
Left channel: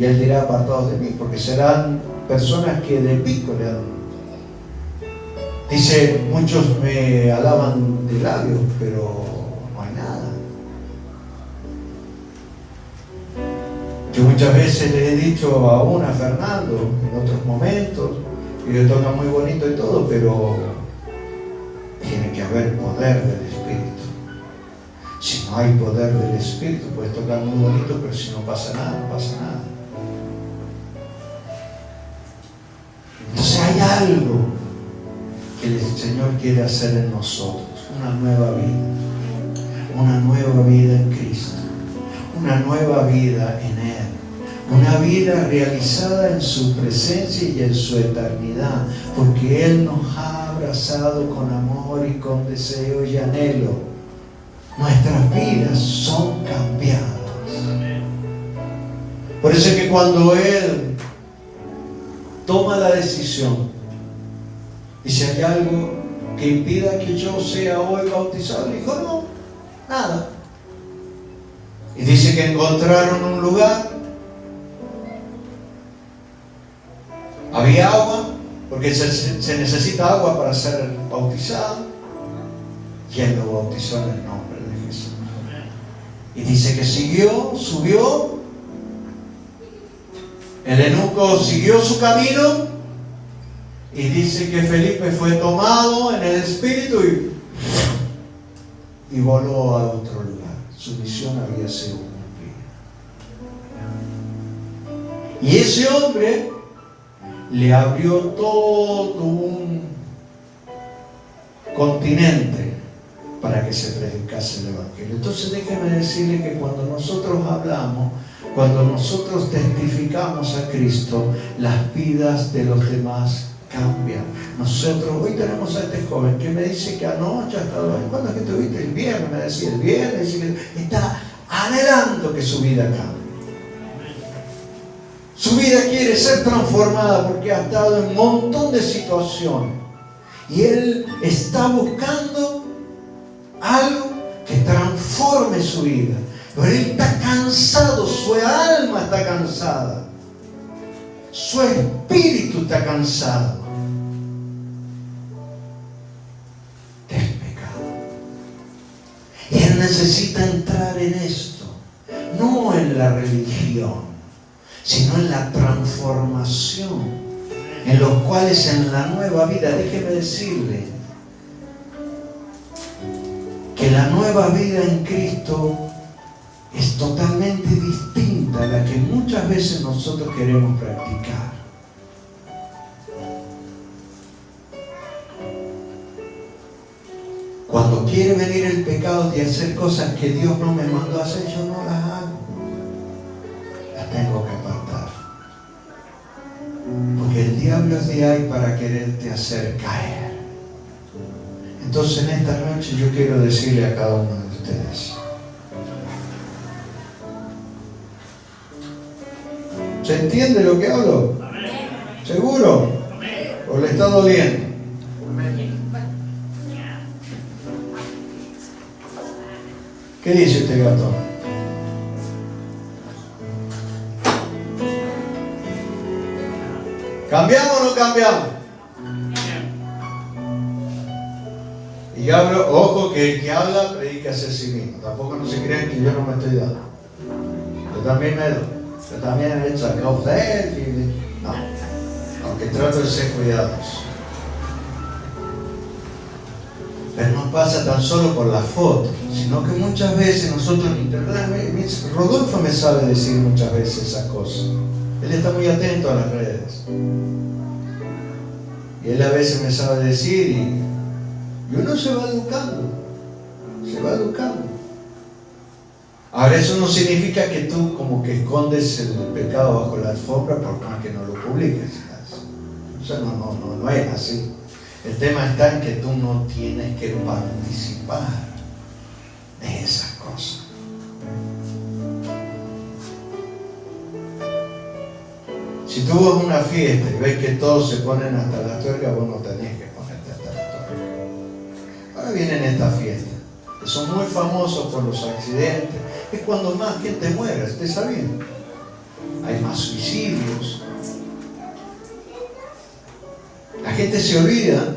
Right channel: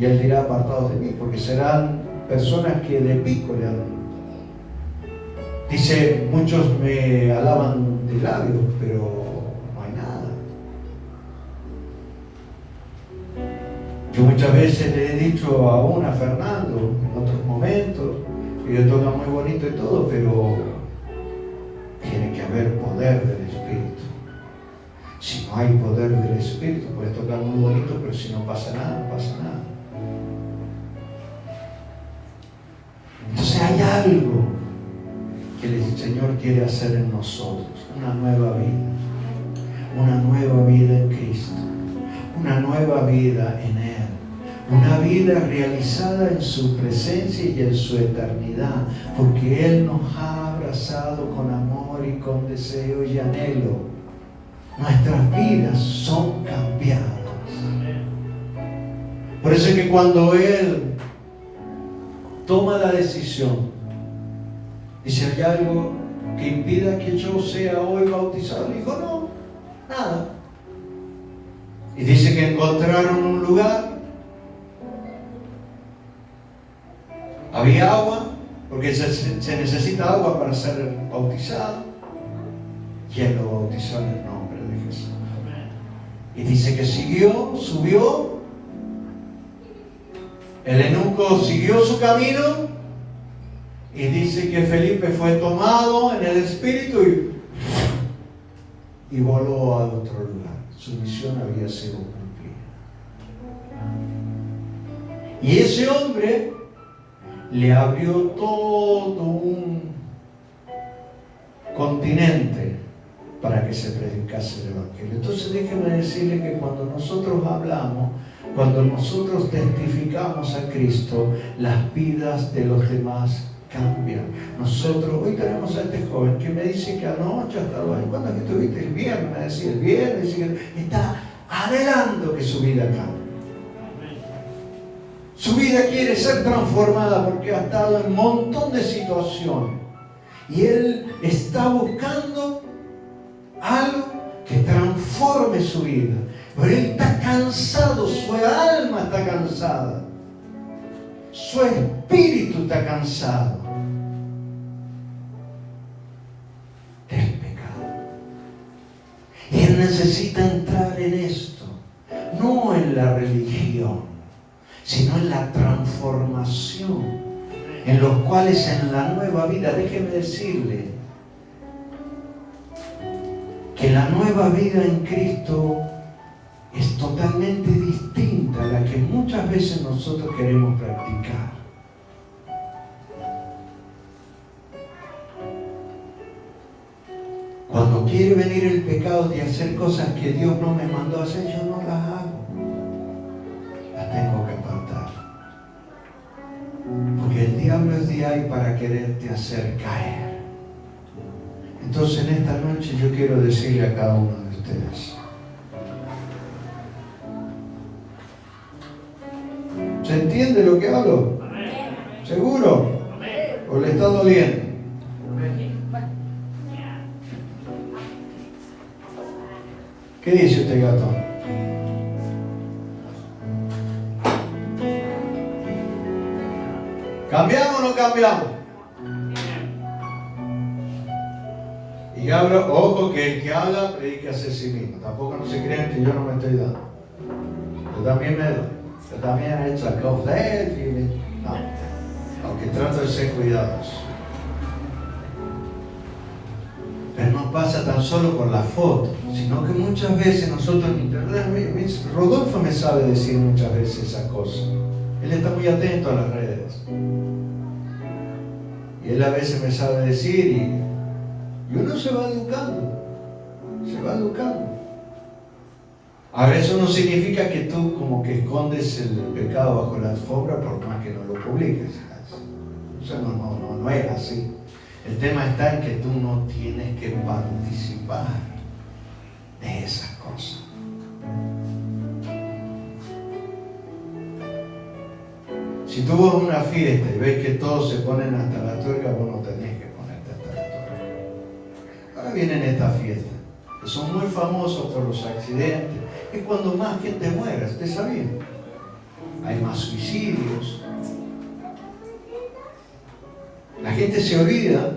Y Él dirá: apartados de mí. Porque serán personas que de pico le dan. Dice: muchos me alaban de labios, pero no hay nada. Yo muchas veces le he dicho aún a Fernando, en otros momentos, que yo toca muy bonito y todo, pero tiene que haber poder del Espíritu. Si no hay poder del Espíritu, puedes tocar muy bonito, pero si no pasa nada, no pasa nada. Entonces hay algo Señor quiere hacer en nosotros una nueva vida en Cristo, una nueva vida en Él, una vida realizada en su presencia y en su eternidad, porque Él nos ha abrazado con amor y con deseo y anhelo. Nuestras vidas son cambiadas. Por eso es que cuando Él toma la decisión, dice, ¿hay algo que impida que yo sea hoy bautizado? Le dijo, no, nada. Y dice que encontraron un lugar, había agua, porque se necesita agua para ser bautizado, y Él lo bautizó en el nombre de Jesús. Y dice que subió, el eunuco siguió su camino, y dice que Felipe fue tomado en el espíritu y voló a otro lugar. Su misión había sido cumplida. Y ese hombre le abrió todo un continente para que se predicase el Evangelio. Entonces déjeme decirle que cuando nosotros hablamos, cuando nosotros testificamos a Cristo, las vidas de los demás cambian. Nosotros, hoy tenemos a este joven que me dice que anoche ha estado ahí. ¿Cuándo es que estuviste? El viernes, me decía, el viernes, dice que está anhelando que su vida cambie. Su vida quiere ser transformada porque ha estado en un montón de situaciones. Y él está buscando algo que transforme su vida. Pero él está cansado, su alma está cansada. Su espíritu está cansado del pecado. Y él necesita entrar en esto, no en la religión, sino en la transformación, en los cuales en la nueva vida, déjeme decirle, que la nueva vida en Cristo es totalmente distinta a la que muchas veces nosotros queremos practicar. Cuando quiere venir el pecado de hacer cosas que Dios no me mandó a hacer, yo no las hago. Las tengo que apartar. Porque el diablo es de ahí para quererte hacer caer. Entonces en esta noche yo quiero decirle a cada uno de ustedes, ¿se entiende lo que hablo? Amén. ¿Seguro? Amén. ¿O le está doliendo? Amén. ¿Qué dice este gato? ¿Cambiamos o no cambiamos? Y hablo, ojo, que el que habla predica hacia sí mismo. Tampoco no se crean que yo no me estoy dando. Yo también me doy. Yo también he hecho a causa de él. No, aunque trato de ser cuidadoso. Pero no pasa tan solo por la foto, sino que muchas veces nosotros, Rodolfo me sabe decir muchas veces esas cosas. Él está muy atento a las redes. Y él a veces me sabe decir y uno se va educando. Se va educando. Ahora eso no significa que tú como que escondes el pecado bajo la alfombra por más que no lo publiques. O sea, no es así. El tema está en que tú no tienes que participar de esas cosas. Si tú vas a una fiesta y ves que todos se ponen hasta la tuerca, vos no tenés que ponerte hasta la tuerca. Ahora vienen estas fiestas, que son muy famosos por los accidentes. Es cuando más gente muere, ¿usted sabía? Hay más suicidios. La gente se olvida,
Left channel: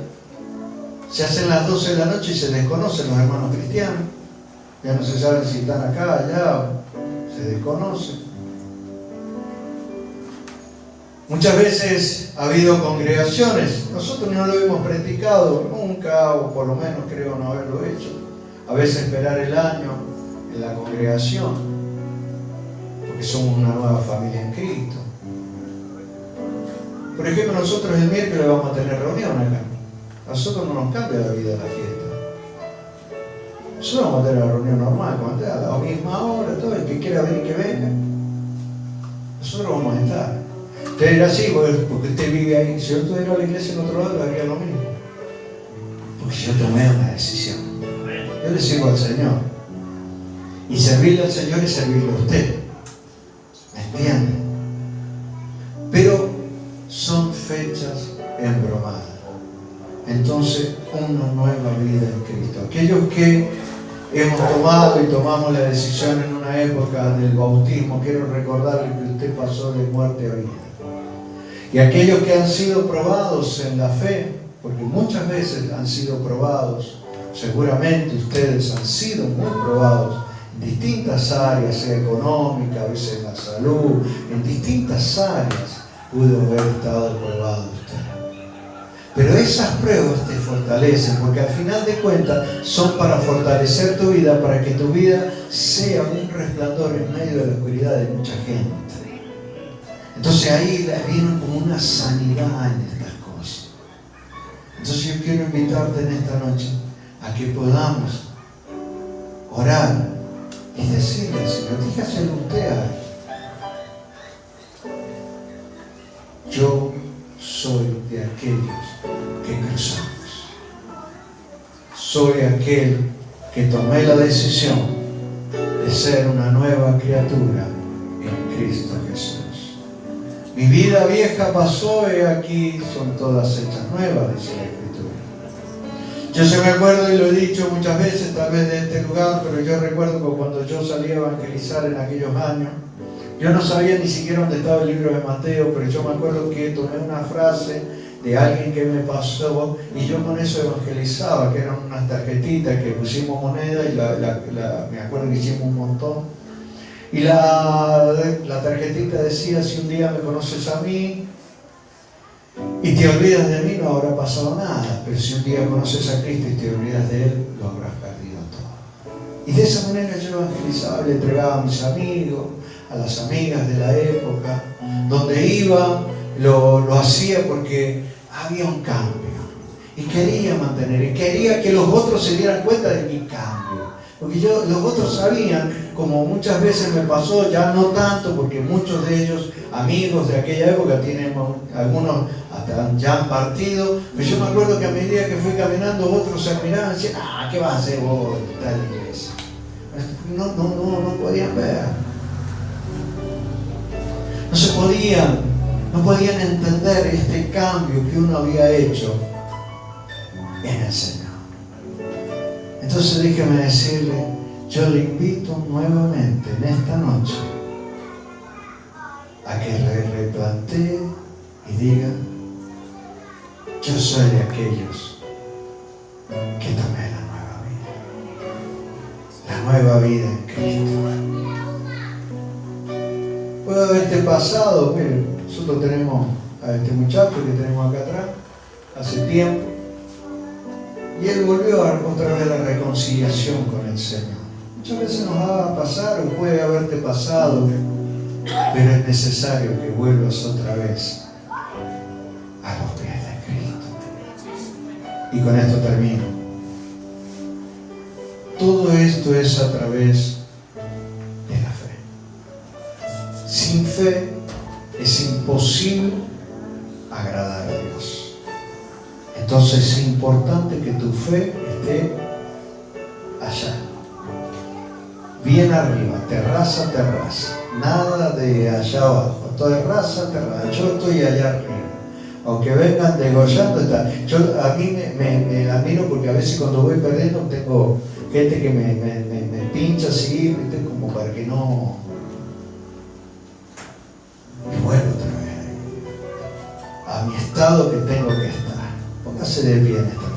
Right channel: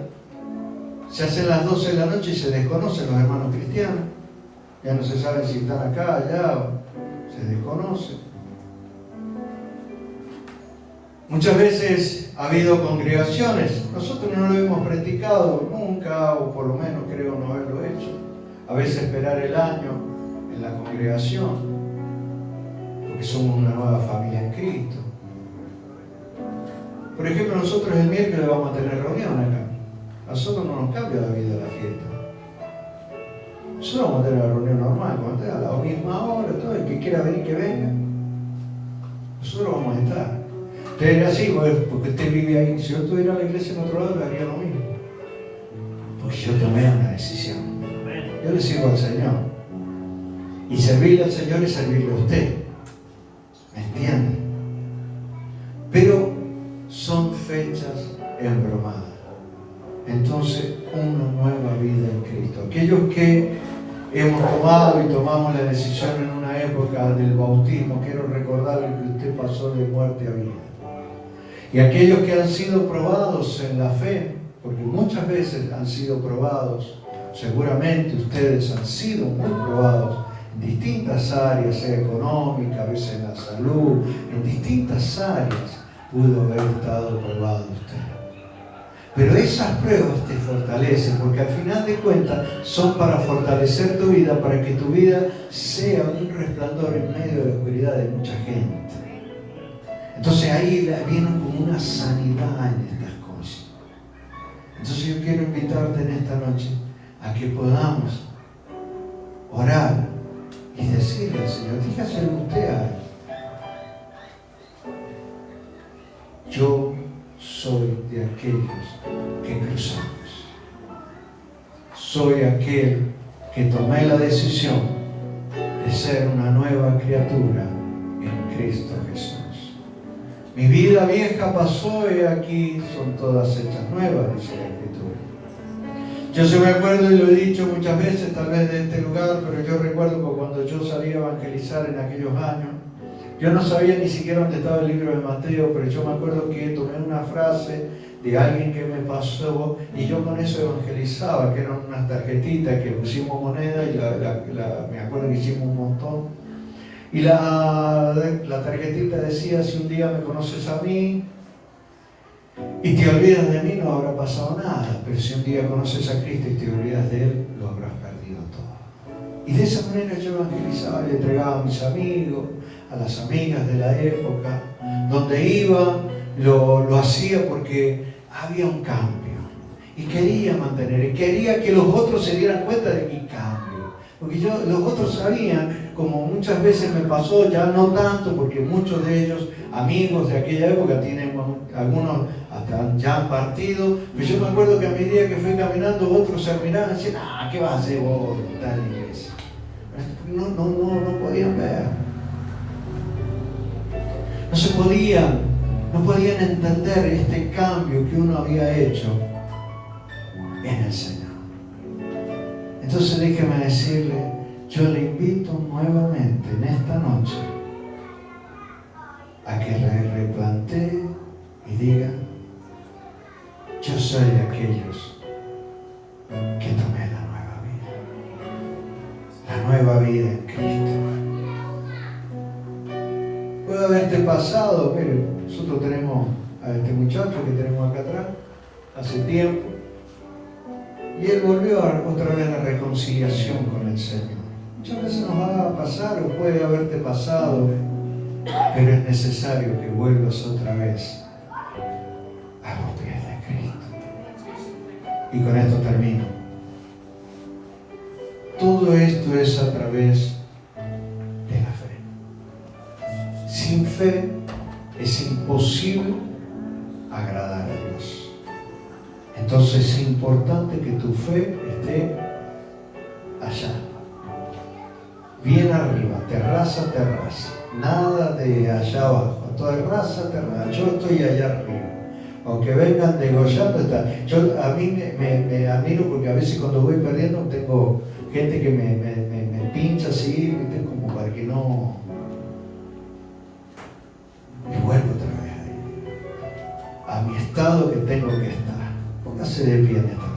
se hacen las 12 de la noche y se desconocen los hermanos cristianos. Ya no se sabe si están acá, allá, se desconocen. Muchas veces ha habido congregaciones, nosotros no lo hemos practicado nunca, o por lo menos creo no haberlo hecho. A veces esperar el año en la congregación, porque somos una nueva familia en Cristo. Por ejemplo, nosotros el miércoles vamos a tener reunión acá. A nosotros no nos cambia la vida la fiesta. Nosotros vamos a tener la reunión normal, vamos a tener a la misma hora, todo el que quiera venir que venga. Nosotros vamos a estar. Usted dirá así, porque usted vive ahí. Si yo estuviera a la iglesia en otro lado, le haría lo mismo. Porque yo tomé una decisión. Yo le sirvo al Señor. Y servirle al Señor es servirle a usted. ¿Me entiende? Pero son fechas embromadas. Entonces, una nueva vida en Cristo. Aquellos que hemos tomado y tomamos la decisión en una época del bautismo, quiero recordarle que usted pasó de muerte a vida. Y aquellos que han sido probados en la fe, porque muchas veces han sido probados, seguramente ustedes han sido muy probados en distintas áreas, sea económica, a veces en la salud, en distintas áreas pudo haber estado probado usted. Pero esas pruebas te fortalecen, porque al final de cuentas son para fortalecer tu vida, para que tu vida sea un resplandor en medio de la oscuridad de mucha gente. Entonces ahí viene como una sanidad en estas cosas. Entonces yo quiero invitarte en esta noche a que podamos orar y decirle al Señor, dígaselo usted a él. Yo soy de aquellos que cruzamos. Soy aquel que tomé la decisión de ser una nueva criatura en Cristo Jesús. Mi vida vieja pasó y aquí son todas hechas nuevas, dice la Escritura. Yo se me acuerdo, y lo he dicho muchas veces, tal vez de este lugar, pero yo recuerdo que cuando yo salí a evangelizar en aquellos años, yo no sabía ni siquiera dónde estaba el libro de Mateo, pero yo me acuerdo que tomé una frase de alguien que me pasó y yo con eso evangelizaba, que eran unas tarjetitas que pusimos moneda y me acuerdo que hicimos un montón. Y la tarjetita decía, si un día me conoces a mí y te olvidas de mí, no habrá pasado nada, pero si un día conoces a Cristo y te olvidas de Él, lo habrás perdido todo. Y de esa manera yo evangelizaba y le entregaba a mis amigos, a las amigas de la época, donde iba, lo hacía porque había un cambio. Y quería mantener, y quería que los otros se dieran cuenta de mi cambio. Porque los otros sabían, como muchas veces me pasó, ya no tanto, porque muchos de ellos, amigos de aquella época, tienen algunos hasta ya han partido, pero yo me acuerdo que a medida que fui caminando, otros se miraban y decían, ¿qué vas a hacer vos en tal iglesia? No podían ver. No podían entender este cambio que uno había hecho en el Señor. Entonces déjeme decirle, yo le invito nuevamente en esta noche a que replantee y diga, yo soy de aquellos que tomé la nueva vida en Cristo. Puede haberte pasado, mire, nosotros tenemos a este muchacho que tenemos acá atrás, hace tiempo, y él volvió otra vez a la reconciliación con el Señor. Muchas veces nos va a pasar o puede haberte pasado, pero es necesario que vuelvas otra vez a los pies de Cristo. Y con esto termino. Todo esto es a través de la fe. Sin fe es imposible agradar a Dios. Entonces es importante que tu fe esté allá, bien arriba, terraza a terraza, nada de allá abajo, terraza a terraza, yo estoy allá arriba. Aunque vengan degollando, a mí me admiro porque a veces cuando voy perdiendo tengo gente que me pincha así, como para que no... Y vuelvo otra vez ahí, a mi estado que tengo que estar. Póngase de pie en esta